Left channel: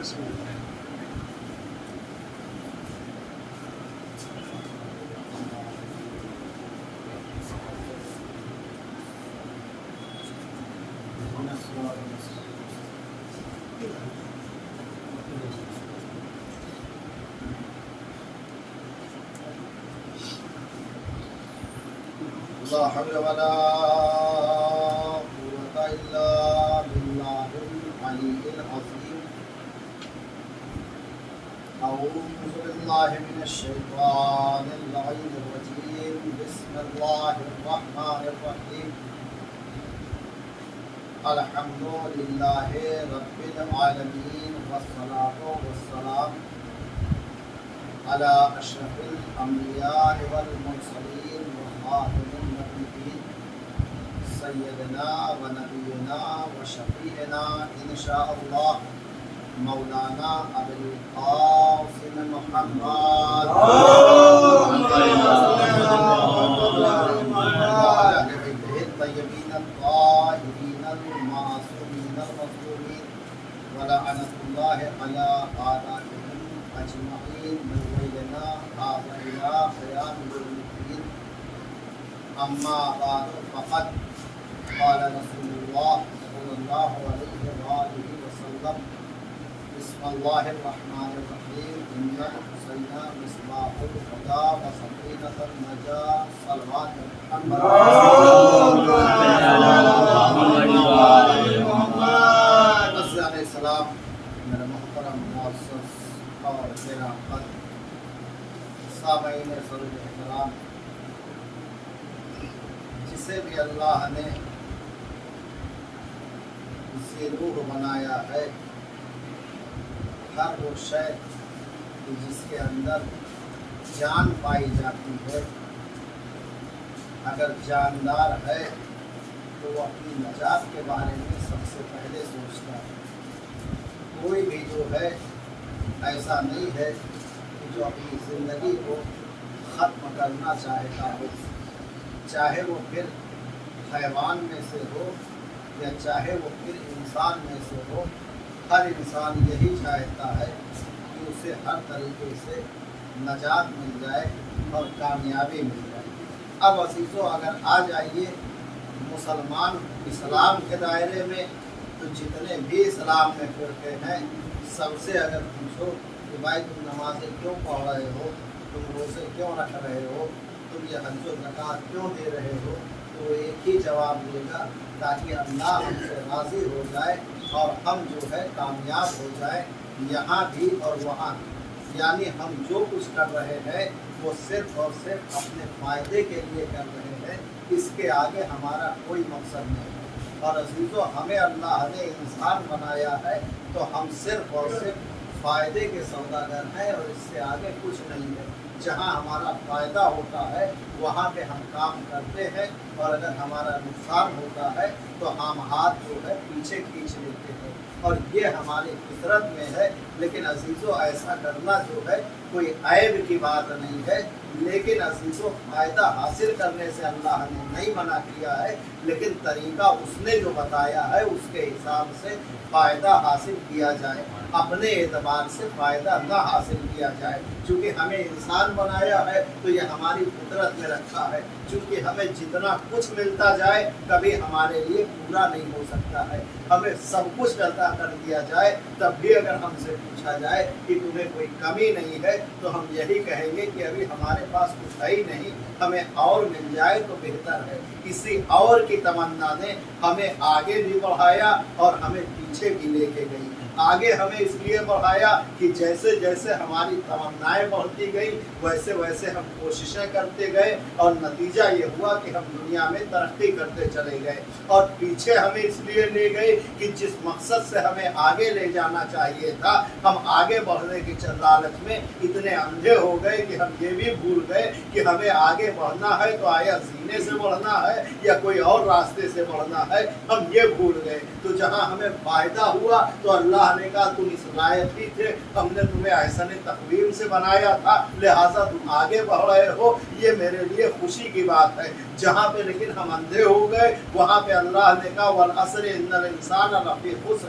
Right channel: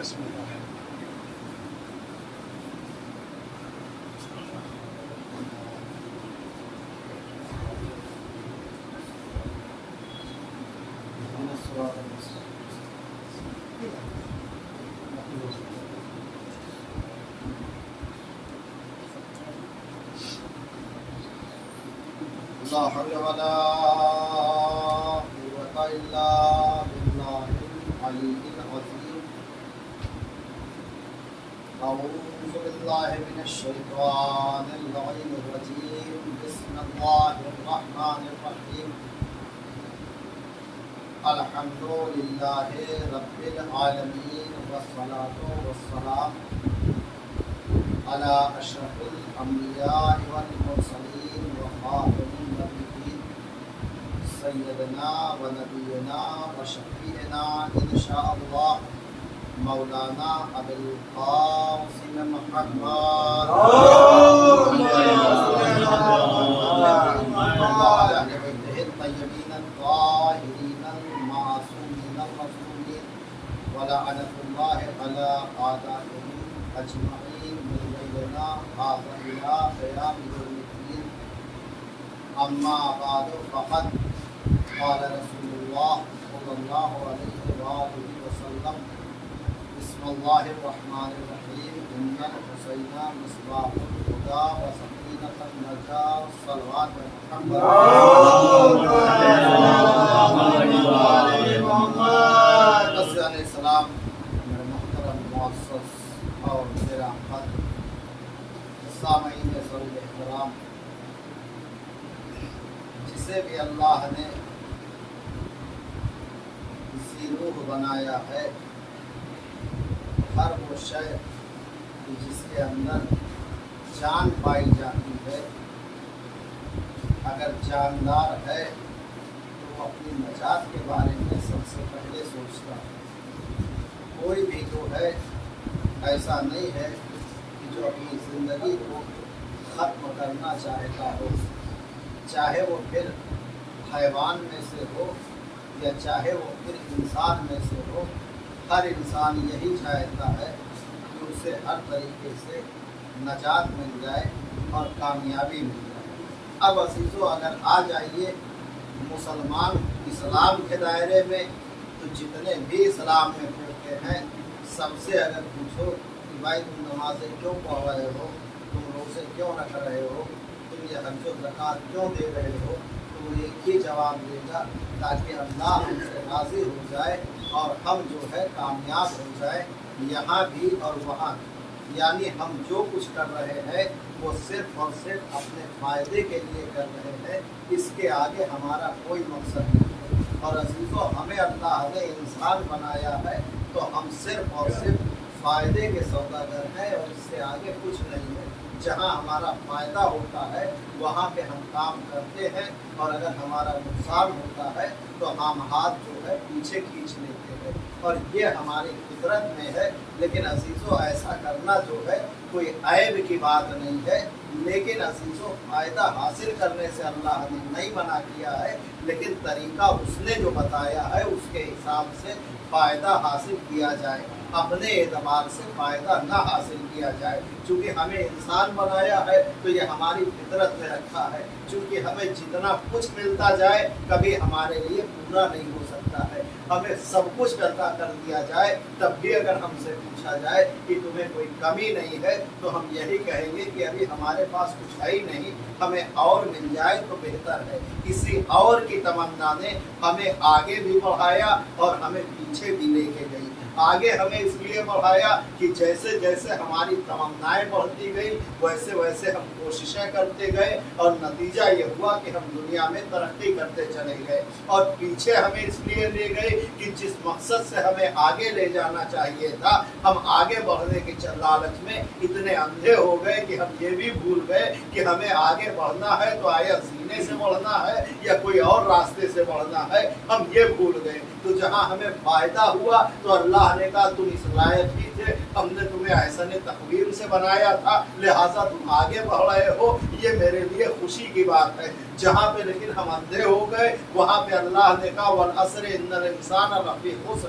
بسم الله. لا حول ولا قوة إلا بالله العلي العظيم. أعوذ بالله من الشيطان اللعين الرجيم. بسم الله الرحمن الرحيم. الحمد لله رب العالمين والصلاة والسلام على أشرف الأنبياء والمرسلين وخاتم النبيين سيدنا ونبينا وشفيعنا إن شاء الله مولانا أبي القاسم محمد وعلى بيته الطيبين الطاهرين المعصومين المظلومين ولعنة الله على أعدائهم أجمعين من ليلنا هذا إلى قيام يوم الدين. أما بعد فقد قال رسول الله صلى الله عليه وآله وسلم بسم الله الرحمن الرحيم. إن الحسين مصباح الهدى وسكينة النجاة. صلوات محمد علیہ السلام. میرے محترم معزز اور میرا خط سامعین سرد احترام، جسے بھی اللہ نے اسی روح بنایا ہے، ہر وہ شے جس کے اندر جان پائی جاتی ہے، اگر جاندار ہے تو وہ اپنی نجات کے بارے میں سب سے پہلے سوچتا ہے. کوئی بھی جو ہے ایسا نہیں ہے کہ جو اپنی زندگی کو ختم کرنا چاہتا ہو، چاہے وہ پھر حیوان میں سے ہو یا چاہے وہ پھر انسان میں سے ہو. ہر انسان یہی چاہتا ہے کہ اسے ہر طریقے سے نجات مل جائے اور کامیابی مل جائے. اب عزیزو، اگر آ جائیے مسلمان اسلام کے دائرے میں، تو جتنے بھی اسلام میں فرقے ہیں، سب سے اگر پوچھو کہ بھائی تم نمازیں کیوں پڑھ رہے ہو، تم روزے کیوں رکھ رہے ہو، تم یہ حج و زکوٰۃ کیوں دے رہے ہو، تو وہ ایک ہی جواب دے گا تاکہ اللہ ہم سے راضی ہو جائے اور ہم جو ہے کامیاب ہو جائے یہاں بھی اور وہاں بھی. یعنی ہم جو کچھ کر رہے ہیں وہ صرف اور صرف اپنے فائدے کے لیے کر رہے ہیں، اس کے آگے ہمارا کوئی مقصد نہیں. اور عزیزو، ہمیں اللہ نے انسان بنایا ہے تو ہم صرف اور صرف فائدے کے سوداگر ہیں اور اس سے آگے کچھ نہیں ہے. جہاں ہمارا فائدہ ہوتا ہے وہاں پہ ہم کام کرتے ہیں، اور اگر ہمارا نقصان ہوتا ہے تو ہم ہاتھ جو ہے پیچھے کھینچ لیتے ہیں، اور یہ ہماری فطرت میں ہے. لیکن عزیزو، ایسا کرنا جو ہے کوئی عیب کی بات نہیں ہے، لیکن عزیزو فائدہ حاصل کرنے سے اللہ نے نہیں منع کیا ہے، لیکن طریقہ اس نے جو بتایا ہے اس کے حساب سے فائدہ حاصل کیا جائے، اپنے اعتبار سے فائدہ نہ حاصل کیا جائے. چونکہ ہمیں انسان بنایا ہے تو یہ ہماری فطرت میں رکھا ہے. چونکہ ہمیں جتنا کچھ ملتا جائے کبھی ہمارے لیے پورا نہیں ہو سکتا ہے. ہمیں سب کچھ عطا کر دیا جائے تب بھی اگر ہم سے پوچھا جائے کہ تمہیں کوئی کمی نہیں ہے تو ہم یہی کہیں گے کہ ابھی ہمارے پاس کچھ ہے ہی نہیں، ہمیں اور مل جائے تو بہتر ہے. اسی اور کی تمنا نے ہمیں آگے بھی بڑھایا اور ہمیں پیچھے بھی لے کے گئی. آگے ہمیں اس لیے بڑھایا کہ جیسے جیسے ہماری تمنائیں بڑھتی گئی ویسے ویسے ہم کوششیں کرتے گئے، اور نتیجہ یہ ہوا کہ ہم دنیا میں ترقی کرتے چلے گئے. اور پیچھے ہمیں اس لیے لے گئے کہ جس مقصد سے ہمیں آگے لے جانا چاہیے تھا، ہم آگے بڑھنے کے لالچ میں اتنے اندھے ہو گئے کہ ہم یہ بھی بھول گئے کہ ہمیں آگے بڑھنا ہے تو آیا سینے سے بڑھنا ہے یا کوئی اور راستے سے بڑھنا ہے، ہم یہ بھول گئے. تو جہاں ہمیں فائدہ ہوا تو اللہ نے کہا تم اس لائق ہی تھے، ہم نے تمہیں احسن تقویم سے بنایا تھا، لہٰذا تم آگے بڑھ رہے ہو، یہ میرے لیے خوشی کی بات ہے. جہاں پہ لیکن ہم اندھے ہو گئے وہاں پہ اللہ نے کہا والعصر ان الانسان لفی خسر،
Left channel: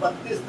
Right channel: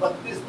32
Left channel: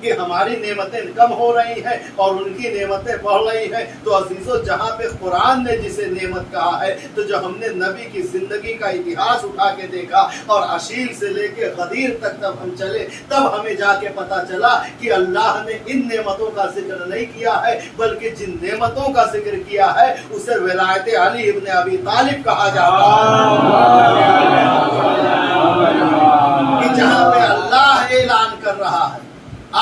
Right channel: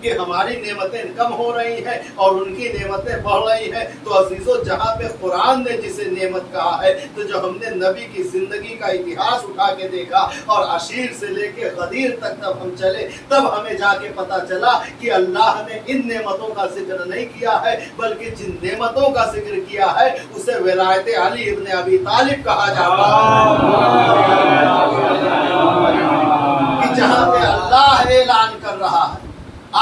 کہ ہماری نعمتیں کم ہو رہی ہیں اور ان کی نعمتیں بڑھ رہی ہیں. تو عزیزو جہاں پہ قرآن نے جسے نعمت کہا ہے تو جو ہم نے نبی کی زندگی کا اتہاس اٹھا کے دیکھا اور عشیر سے لے کے غدیر تک تب ہم چلے تب ہمیں جا کے پتا چلا کہ اللہ نے ان نعمتوں کا ذکر نہیں کیا ہے بلکہ جن نعمتوں کا ذکر کیا ہے اسے ولایت علی ابن ابی طالب کہا جاتا ہے کہ جہاں پہ اللہ اعلان کر رہا ہے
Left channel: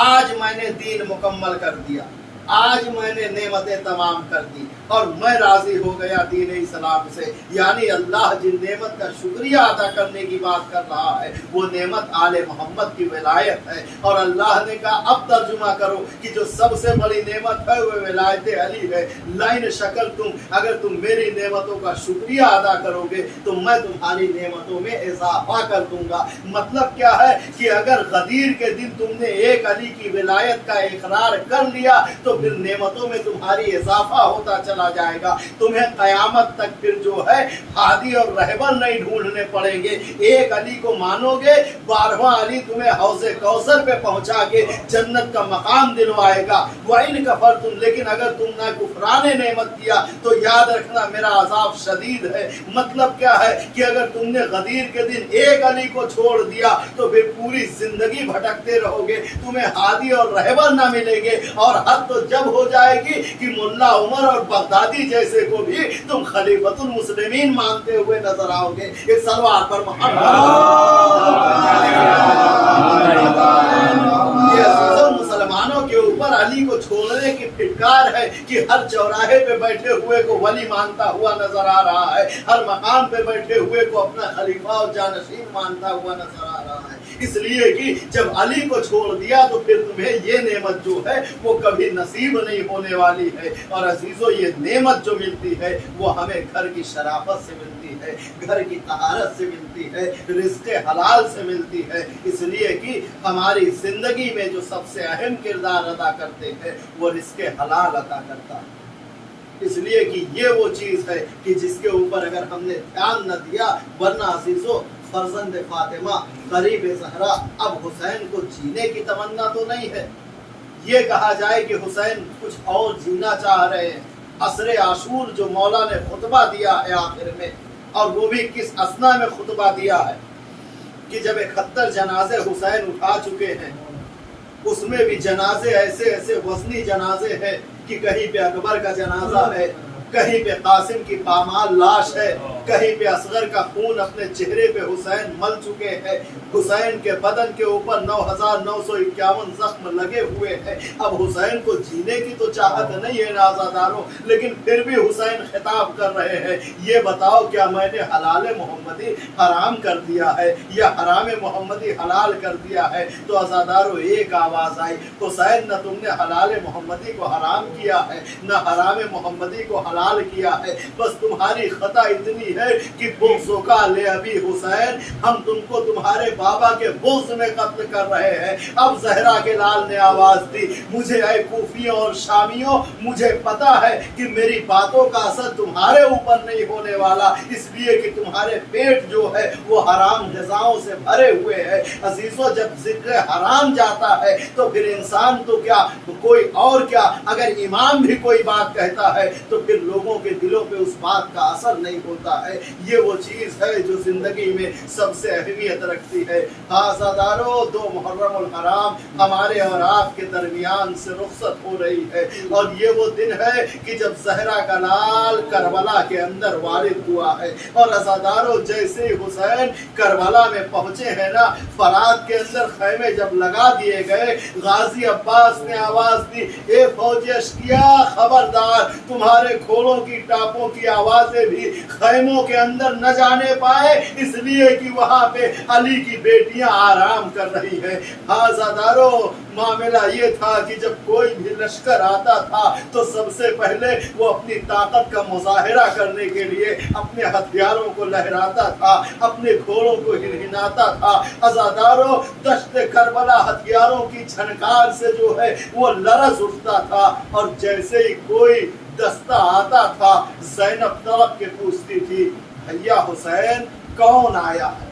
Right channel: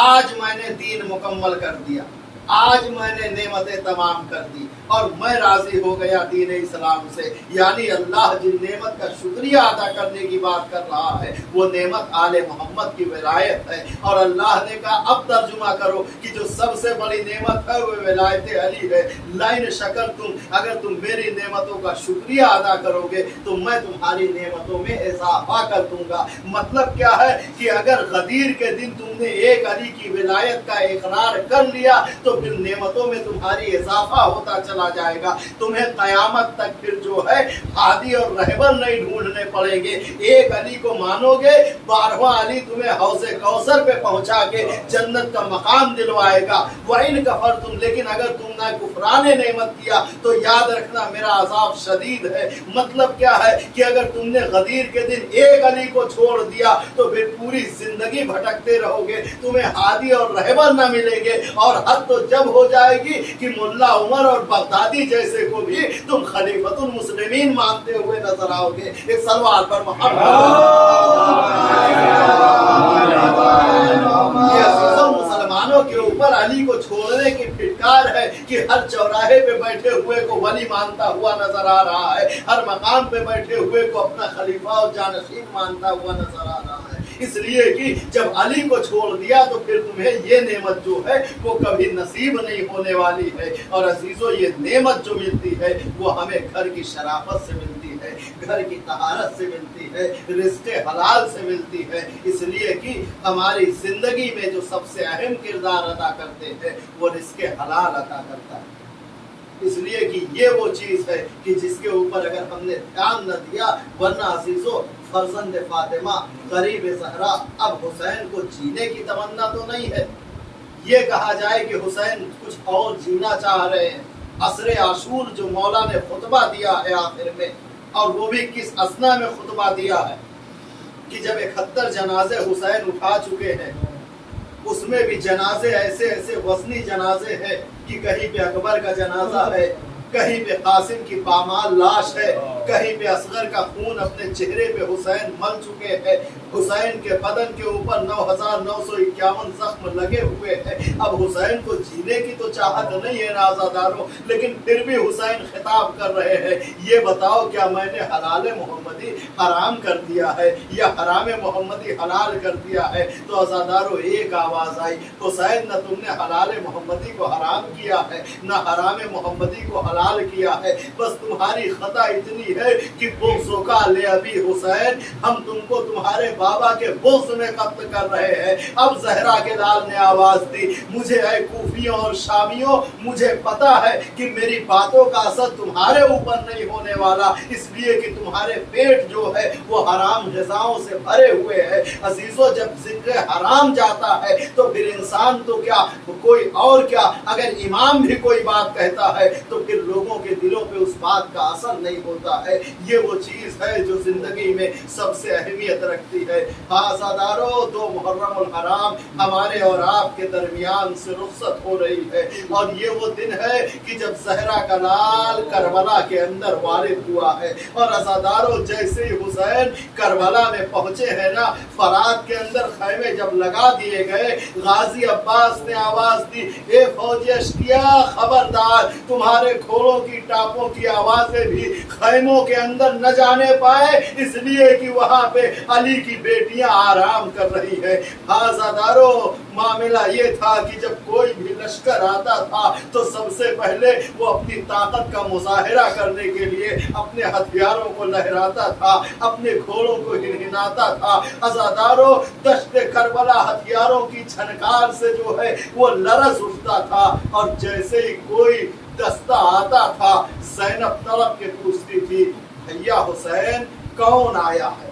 آج میں نے دین مکمل کر دیا, آج میں نے نعمتیں تمام کر دی اور میں راضی ہو گیا دین اسلام سے. یعنی اللہ جن نعمت کا شکریہ ادا کرنے کی بات کر رہا ہے وہ نعمت آل محمد کی ولایت ہے. اور اللہ نے کہا اب ترجمہ کرو کہ جو سب سے بڑی نعمت ہے وہ ولایت علی ہے. لئن شکرتم, اگر تم میری نعمتوں کا شکریہ ادا کرو گے تو میں تمہاری نعمتوں میں اضافہ کر دوں گا. مطلب کیا ہے کہ اگر غدیر کے دن تم نے ایک علی کی ولایت کا اقرار کر لیا تو پھر نعمتوں میں تمہاری اضافہ ہوتا چلا جائے گا. تمہیں قیامت تک پھر جو ہے ہادی اور رہبر نہیں ڈھونڈنے پڑیں گے. ایک علی کو مانو گے 12واں علی تمہیں حوض کوثر پہ پہنچا کے جنت کا مقام دلوائے گا. وَإِن كَفَرْتُمْ, لیکن اگر تم نے کفران نعمت کیا تو یاد رکھنا میرا عذاب شدید ہے. مطلب کیا ہے کہ اگر تم نے غدیر کے دن ایک علی کو چھوڑ دیا تو پھر پوری زندگی بھٹکتے رہو گے, تمہیں ہادی اور رہبر نہ ملیں گے. اور حد تو جب ہو جائے گی کہ ملا عمر اور بغدادی جیسے کو بھی تم خلیفۃ المسلمین مانتے ہوئے نظر آؤ گے. ایک سلوات پر مسلمانوں کے اوپر علی کو چھوڑنے کی پھٹکار ہے کہ ہر چوراہے پہ بیٹھے ہوئے کو ولی مانتا ہوا نظر آ رہا ہے, ہر مقام پہ بیٹھے ہوئے کو اپنا خلیفہ اور جانشین مانتا ہوا نظر آ رہا ہے. اس لیے کہ جب علی کو چھوڑ دیا تو پھر تمہیں یہ نعمت جو ہے وہ کبھی نصیب نہیں ہونے والی ہے. اور عزیزو یہ نعمت جو ملتی ہے وہ ہمیں گھر کی شرافت سے ملتی ہے, گھر کی طہارت سے ملتی ہے, رزق حلال سے ملتی ہے. اس لیے کہ ہماری زندگی میں جو سب سے اہم کردار ادا کرتے ہیں وہ رزق حلال عطا کرتا ہے. اس لیے کہ یہ وہ چیز ہے کہ جس کے اوپر اگر ہم نے دھیان نہ دیا, ورنہ عزیزو فرزند فاطمہ غریب زہرا اب حسین کو جینے کی تمنا تو نہیں ہے. یہ کہا جائے کہ حسین کچھ اور جینا چاہ رہے ہیں. عصر عاشور جو مولا نے خطبہ دیا ہے آخر میں, اور وہ بھی کس اثنا میں خطبہ دیا ہے کہ جب 71 جنازے حسین اٹھا چکے ہیں, اس میں بھی جنازے ایسے ایسے وزنی جنازے ہیں کہ کہیں پہ اکبر کا جنازہ ہے, کہیں پہ قاسم کی پامال لاش ہے, کہیں پہ اصغر کا خون اپنے چہرے پہ حسین مل چکے ہیں. حسین کے بدن کے اوپر 9951 زخم لگے ہوئے ہیں. اب حسین کو جینے کی تو چاہت نہیں ہے نازاداروں, لیکن پھر بھی حسین خطاب کر رہے ہیں, یہ بتاؤ کیا میں نے حلال محمدی حرام کر دیا ہے یا حرام محمدی حلال کر دیا ہے؟ تو عزاداروں ایک آواز آئی, حسین نہ تم نے حلال محمدی کو حرام کیا ہے نہ حرام محمدی کو حلال کیا ہے, بس تمہاری خطا اتنی ہے کہ بغضوں کا لے ابی حسین, ہم تم کو تمہارے بابا کے بغض میں قتل کر رہے ہیں. اب زہرا کے لال نے آواز دی, مجھے اے کوفیوں اور شامیوں مجھے پتا ہے کہ میری باتوں کا اثر تمہارے اوپر نہیں ہونے والا, اس لیے کہ تمہارے پیٹ جو ہے وہ حرام غذاؤں سے بھرے ہوئے ہیں. عزیزو جب ذکر حرام جاتا ہے تو پھر انسان تو کیا کوئی اور کیا, اگر امام بھی کوئی بات کہتا ہے تو پھر لوگوں کے دلوں پہ اس بات کا اثر نہیں ہوتا ہے. یہ وہ چیز ہے جو زندگی میں سب سے اہمیت رکھتی ہے. عزادارو 2 محرم الحرام ہمارے اور آپ کے درمیان سے رخصت ہو رہی ہے, اور یہ وہ دن ہے کہ جب زہرا کا لال کربلا کے اندر وارد ہوا ہے. اور عزادارو جیسے ہی حسین کربلا میں پہنچے ہیں نا, فرات کے اندر خیمے جب لگا دیے گئے, غازی عباس نے آواز دی, اے فوجی اشقیا خبردار, تمہارے گھوڑوں کی ٹاپوں کی آوازیں بھی خیموں کے اندر نہ جانے پائے, اس لیے کہ وہاں پہ علی کی بیٹیاں آرام کر رہی ہیں. عزادارو معاملہ یہ تھا کہ جب کوئی بھی لشکر آتا تھا تو سب سے پہلے وہ اپنی طاقت کا مظاہرہ کرنے کے لیے اپنے ہتھیاروں کو لہراتا تھا, اپنے گھوڑوں کو ہنہناتا تھا. عزادارو دشت کربلا ہتھیاروں کی جھنکار سے جو ہے وہ لرز اٹھتا تھا, اور جیسے ہی کوئی دستہ آتا تھا زینب طرف کے پوچھتی تھی, بھیا حسین کون آیا ہے؟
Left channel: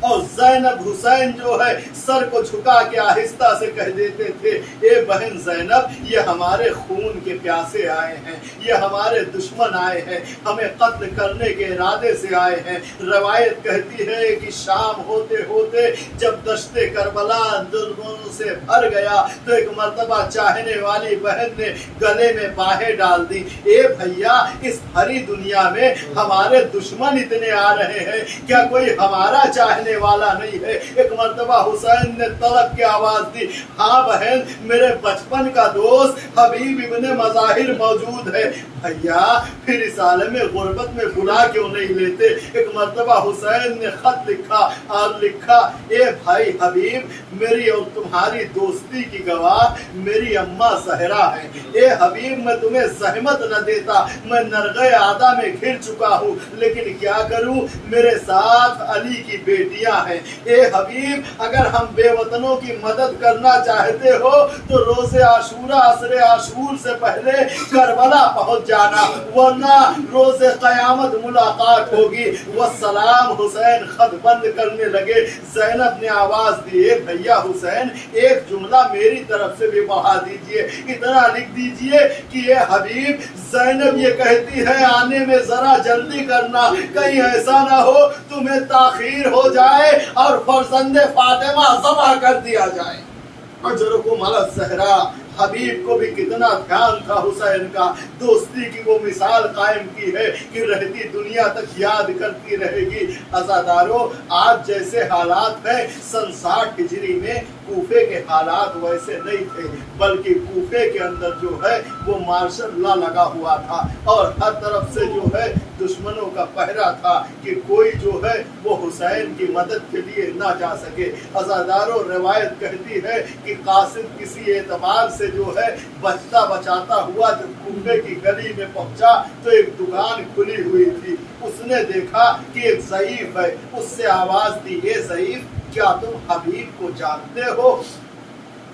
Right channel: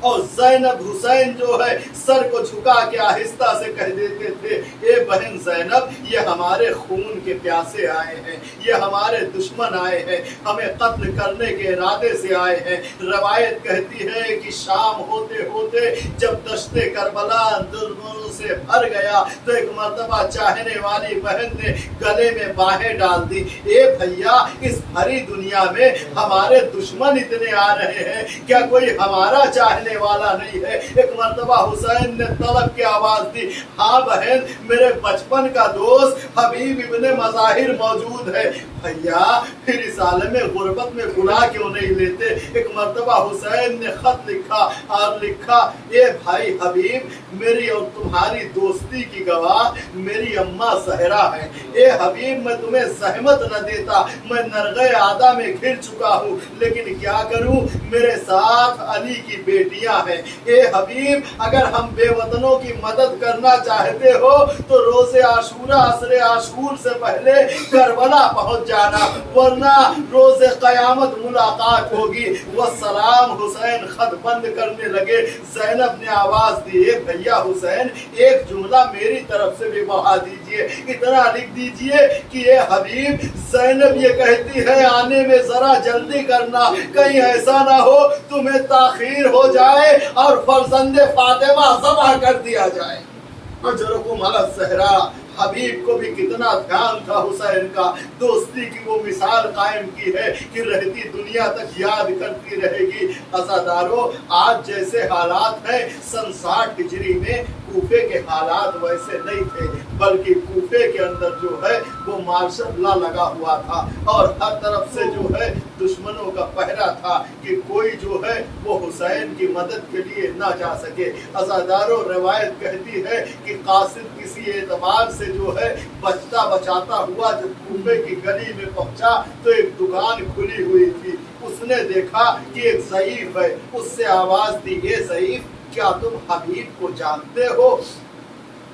اور زینب حسین جو ہے سر کو جھکا کے آہستہ سے کہہ دیتے تھے اے بہن زینب یہ ہمارے خون کے پیاسے آئے ہیں، یہ ہمارے دشمن آئے ہیں، ہمیں قتل کرنے کے ارادے سے آئے ہیں۔ روایت کہتی ہے کہ شام ہوتے ہوتے جب دشت کربلا دشمنوں سے بھر گیا تو ایک مرتبہ چاہنے والی بہن نے گلے میں باہیں ڈال دی، اے بھیا اس بھری دنیا میں ہمارے دشمن اتنے آ رہے ہیں، کیا کوئی ہمارا چاہنے والا نہیں ہے؟ ایک مرتبہ حسین نے طلب کی آواز دی، ہاں بہن میرے بچپن کا دوست حبیب ابن مظاہر موجود ہے، بھیا پھر اس عالم غربت میں گناہ کیوں نہیں لیتے؟ ایک مرتبہ حسین نے خط لکھا اور لکھا، اے بھائی حبیب میری اور تمہاری دوستی کی گواہ میری اماں زہرا ہے، اے حبیب میں تمہیں زحمت نہ دیتا، میں نرغے عادہ میں گھر چکا ہوں، لیکن کیا کروں میرے ساتھ علی کی بیٹیاں ہیں، اے حبیب اگر ہم بے وطنوں کی مدد کرنا چاہتے ہو تو روز عاشورہ عصر عاشور سے پہلے کربلا پہنچ جانا، ورنہ روز قیامت ملاقات ہوگی۔ والسلام حسین خط بند کرنے لگے۔ زینب نے آواز دی، اے بھیا حسین ایک جملہ میری طرف سے بھی بڑھا دیجئے، اتنا لکھ دیجئے کہ اے حبیب زینب یہ کہتی ہے آنے میں ذرا جلدی کرنا، کہیں ایسا نہ ہو تمہیں تاخیر ہو جائے اور فرزند فاطمہ ذبح کر دیا جائے۔ اجرکم علی الزہرا، حبیب کو بھی کتنا دھیان تھا حسین کا، دوستی کی وہ مثال قائم کی ہے کہ رہتی دنیا تک یاد کرتی رہے گی۔ عزادارو آج جیسے حالات ہیں سن 60 ہجری میں کوفے کے حالات ویسے نہیں تھے، بلکہ کوفے کے اندر جو ہے وہ مارشل لا لگا ہوا تھا اور ہر طرف سے جو ہے دشمنوں کا پہرا تھا کہ کوئی جو ہے وہ حسین کی مدد کے لیے نہ جا سکے۔ عزادارو روایت کہتی ہے کہ قاصد کسی اعتبار سے جو ہے بچتا بچاتا ہوا جب کوفے کی گلی میں پہنچا تو ایک دکان کھلی ہوئی تھی، اس نے دیکھا کہ ایک ضعیف ہے، اس سے آواز دی، اے ضعیف کیا تم حبیب کو جانتے ہو؟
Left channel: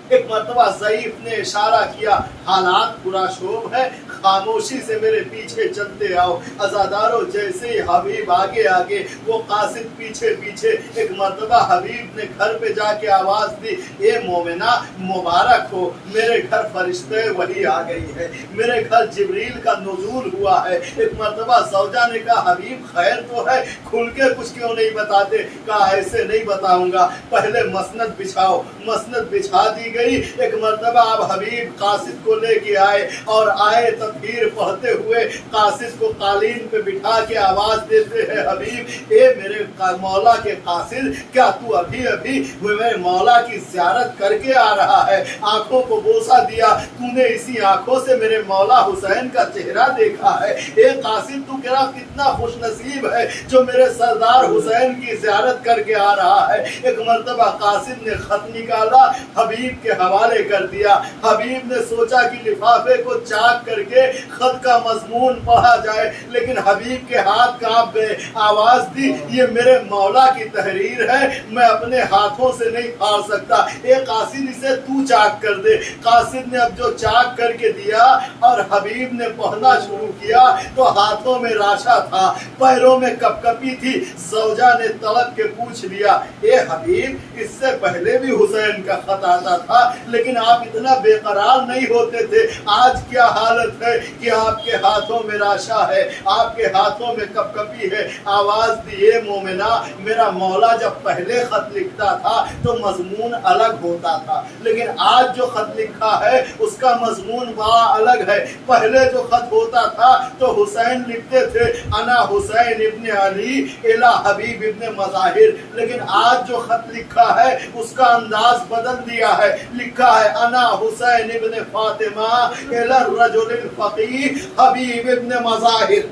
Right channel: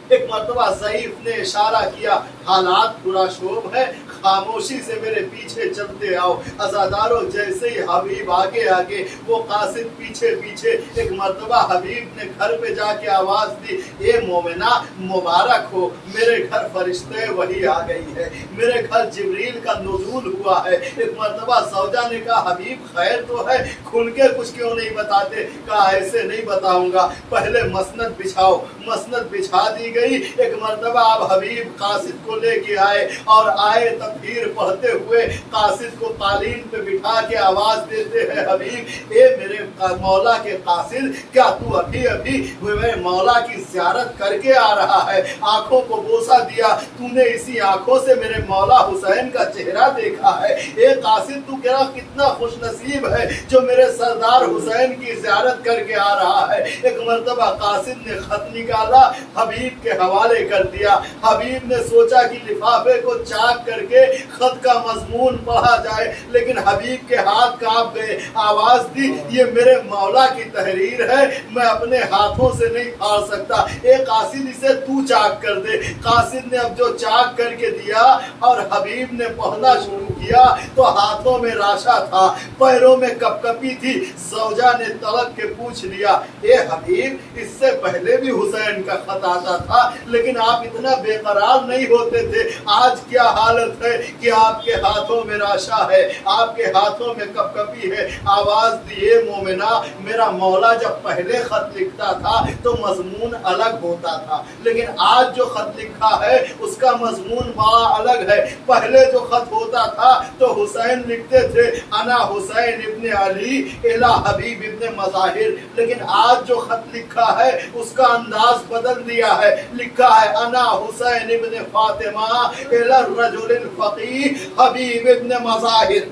ایک مرتبہ ضعیف نے اشارہ کیا، حالات پراشوب ہے، خاموشی سے میرے پیچھے چلتے آؤ۔ عزادارو جیسے ہی حبیب آگے آگے وہ قاصد پیچھے پیچھے، ایک مرتبہ حبیب نے گھر پہ جا کے آواز دی، اے مومنہ مبارک ہو، میرے گھر فرشتے وحی آ گئی ہے، میرے گھر جبریل کا نزول ہوا ہے۔ ایک مرتبہ زوجہ نے کہا حبیب خیر تو ہے، کھل کے کچھ کیوں نہیں بتاتے؟ کہا ایسے نہیں بتاؤں گا، پہلے مسند بچھاؤ۔ مسند بچھا دی گئی۔ ایک مرتبہ آپ حبیب قاصد کو لے کے آئے اور آئے تطہیر پڑھتے ہوئے قاصد کو قالین پہ بٹھا کے آواز دیتے ہیں، حبیب اے میرے مولا کے قاصد کیا تو ابھی ابھی میرے مولا کی زیارت کر کے آ رہا ہے؟ آنکھوں کو بوسہ دیا، تو نے اسی آنکھوں سے میرے مولا حسین کا چہرہ دیکھا ہے؟ اے قاصد تو کتنا خوش نصیب ہے جو میرے سردار حسین کی زیارت کر کے آ رہا ہے۔ ایک مرتبہ قاصد نے خط نکالا، حبیب کے حوالے کر دیا۔ حبیب نے سوچا کہ لفافے کو چاک کر کے خط کا مضمون پڑھا جائے، لیکن حبیب کے ہاتھ کانپ گئے۔ آواز دی، یہ میرے مولا کی تحریر ہے، میں اپنے ہاتھوں سے نہیں پھاڑ سکتا، اے قاصد اسے تو چاک کر دے۔ قاصد نے اب جو چاک کر کے دیا اور حبیب نے پڑھنا شروع کیا تو ہاتھوں میں راشا تھا، پیروں میں کپ کپی تھی۔ زوجہ نے طلب کے پوچھ لیا، اے حبیب اس سے پہلے بھی حسین کا خط آتا تھا لیکن آپ اتنا بے قرار نہیں ہوتے تھے، آج کیا حالت ہے کہ آپ کے ہاتھوں میں راشا ہے، آپ کے ہاتھوں میں کپ کپی ہے؟ آواز دیے مومنہ، میرا مولا جب پہلے خط لکھتا تھا تو مضمون الگ ہوتا تھا، لیکن آج جو خط لکھا ہے اس کا مضمون بڑا الگ ہے۔ پہلے جو خط ہوتا تھا تو حسین لکھتے تھے انا حسین ابن علی الی حبیب ابن مظاہر، لیکن آج جو خط لکھا ہے اس کا انداز بدل دیا ہے، لکھا ہے انا حسین ابن فاطمہ الی الرجل الفقیہ حبیب ابن مظاہر۔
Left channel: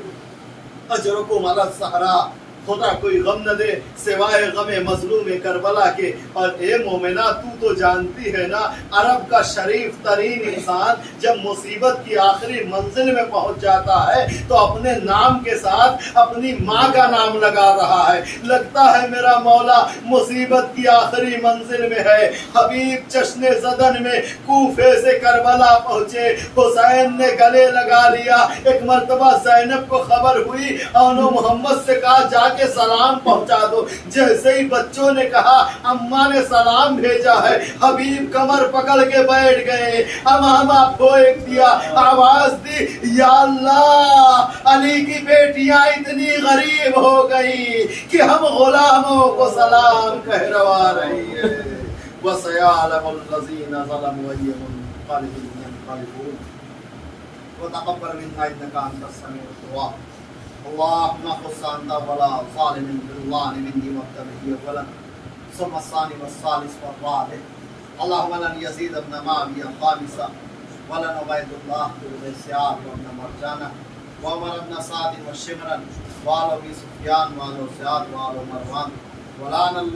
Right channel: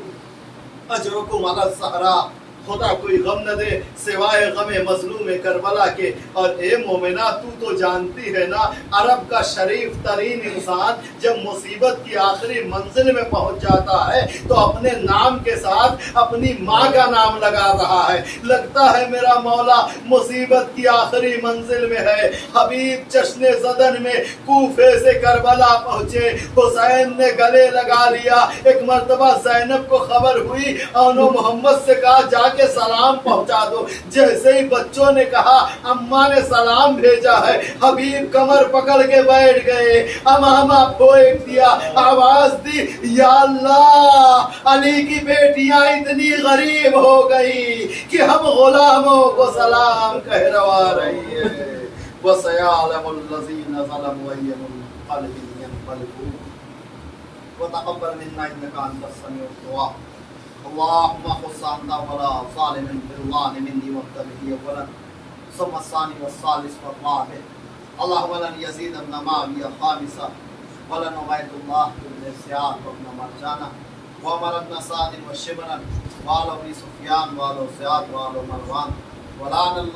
اجرکم علی الزہرا، خدا کوئی غم نہ دے سوائے غم مظلوم کربلا کے۔ اور اے مومنہ تو جانتی ہے نا، عرب کا شریف ترین انسان جب مصیبت کی آخری منزل میں پہنچ جاتا ہے تو اپنے نام کے ساتھ اپنی ماں کا نام لگا رہا ہے۔ لگتا ہے میرا مولا مصیبت کی آخری منزل میں ہے۔ حبیب جشن زدن میں کوفے سے کربلا پہنچے، حسین نے گلے لگا لیا۔ ایک مرتبہ زینب کو خبر ہوئی، انو محمد سے کہا جا کے سلام پہنچا دو۔ جیسے ہی بچوں نے کہا اماں نے سلام بھیجا ہے، حبیب کمر پکڑ کے بیٹھ گئے، امامہ پھونک دیا، آواز دی یا اللہ علی کی بیٹیاں اتنی غریب ہو گئی کہ ہم غلاموں کو سلام کہلوا رہی ہے۔ وَسَيَعْلَمُ الَّذِينَ ظَلَمُوا أَيَّ مُنقَلِبٍ يَنقَلِبُونَ وتقبل منا انك انت السميع الدعاء اللهم خص انت ولا ظالم بالله مني والتبهير ولن ثم الثاني والثالث والرابع اللهم لن يزيد ابن معاوية خامسا ولن عبيد الله بن سعد وابن مرجانة وعمر بن سعد وشمرا وآل أبي سفيان وآل زياد وآل مروان ولعن